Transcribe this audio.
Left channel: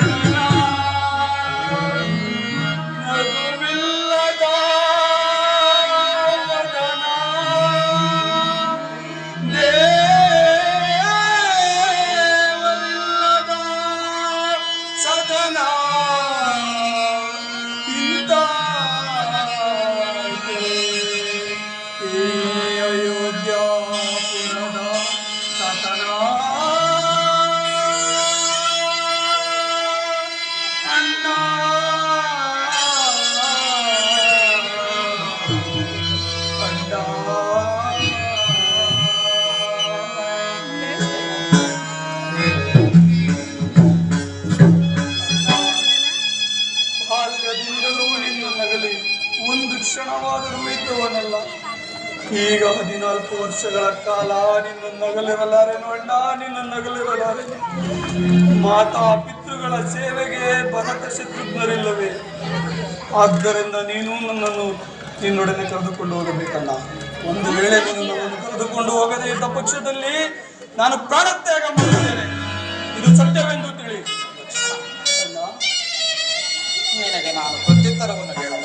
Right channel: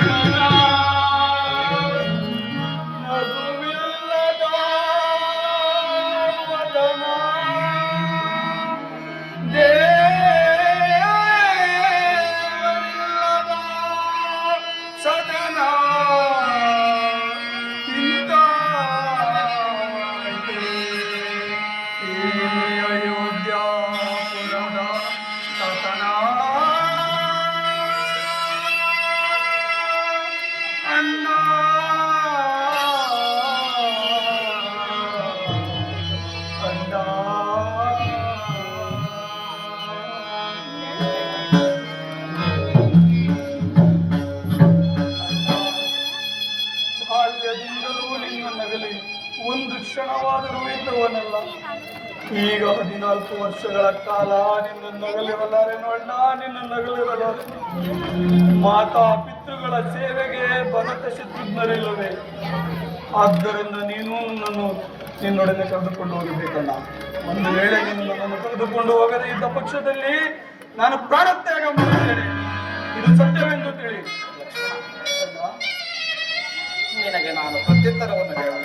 Thank. ಈಗ ಹದಿನಾಲ್ಕು ವರ್ಷಗಳ ಕಾಲ ನಿನ್ನ ನಗಲಿರಲಾರೆ ಅಣ್ಣ ನಿನ್ನ ನಗಲಿರಲಾರೆ. ಮಾತಾ ಪಿತೃಗಳ ಸೇವೆಗೆ ಭರತ ಶತ್ರುಘ್ನರಿಲ್ಲವೇ ಆದ್ದರಿಂದ ನೀನು ನನ್ನನ್ನು ನಿನ್ನೊಡನೆ ಕರೆದುಕೊಂಡು ಹೋಗಬೇಕಲ್ಲ. ಒಂದು ವೇಳೆ ನೀನು ನನ್ನನ್ನು ಕರೆದುಕೊಂಡು ಹೋಗದೆ ಇದ್ದ ಪಕ್ಷದಲ್ಲಿ ನಾನು ಪ್ರಾಣತ್ಯಾಗ ಮಾಡಿದ್ದೇನೆ. ಇದು ಸತ್ಯವೆಂದು ತಿಳಿ. ಅಣ್ಣ ನಿನಗೆ ನಾನು ಪ್ರತ್ಯುತ್ತರವನ್ನು ಹೇಳೋಣ.